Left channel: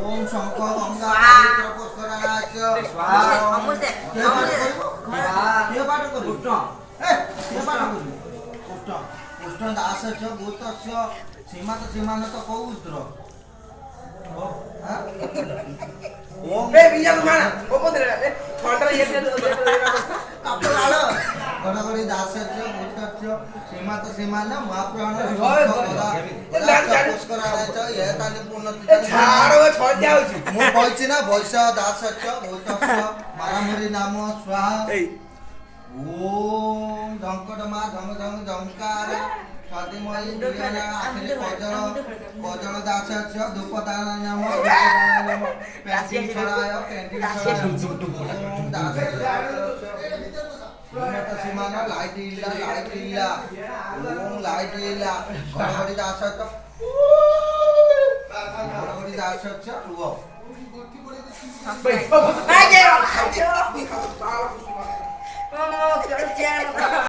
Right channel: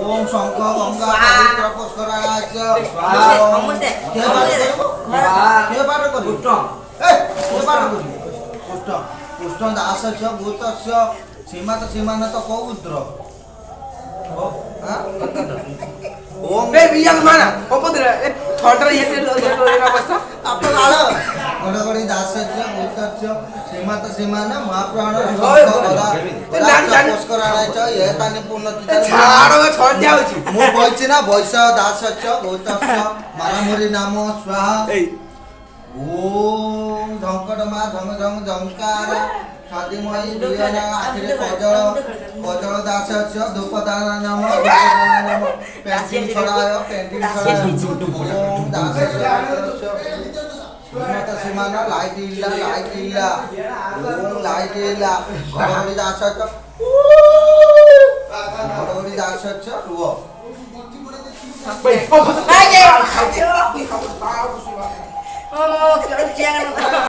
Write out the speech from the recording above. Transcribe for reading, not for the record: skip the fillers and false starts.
ওম শঙ্খ গঙ্গা পবিত্র পুষ্করাচ কে পাঠ করি কে পাঠ করি পুষ্ট পুষ্ট দাসস্য ভূতস্য সীমাত সীমানত পৌত্র ওম বে বিয়াল মানা ওপদরে ছড়টা ইয়ে অবস্থা আপনার আলো গণগণি দাসস্য ভূতস্য সীমাত সীমান মহাপ্রাণ পুষ্করাচ এ তানি পূর্ণ ছাড়ো ছড় দিয়া হইছি ମୁଁ କହିଛି ନା ବୈଶ ଦାସସ୍ୟ ଭୂତସ୍ୟ ମାରାମୁରି ନାମ ସ୍ୱାହା এই ଓମ୍ ଝଙ୍କଟ ମା ଝଙ୍ଗ ଝଙ୍ଗ ଝଙ୍କାର ସ୍ୱାଦିମୟୀ ଦୁଇନା ଆଖିରେ କଜଳ କଜଳ ଦାସସ୍ୟ ଧୂପଦାନ ନାମ ପେଣ୍ଟିଂ ଛଡ଼ାୟ ପେଣ୍ଟିଂ ଛଡ଼ାୟ ଓମ୍ ଦାସସ୍ୟ ଶ୍ରୀମତ ସୀମାନ ଲାଇଟ୍ ଇଲା ଓମ୍ ଲାଇଟ୍ ଇଲା ଘଡ଼ଘଡ଼ି ଦାସସ୍ୟ ଘଡ଼ଘଡ଼ି ଦାସସ୍ୟ ରୁହ বে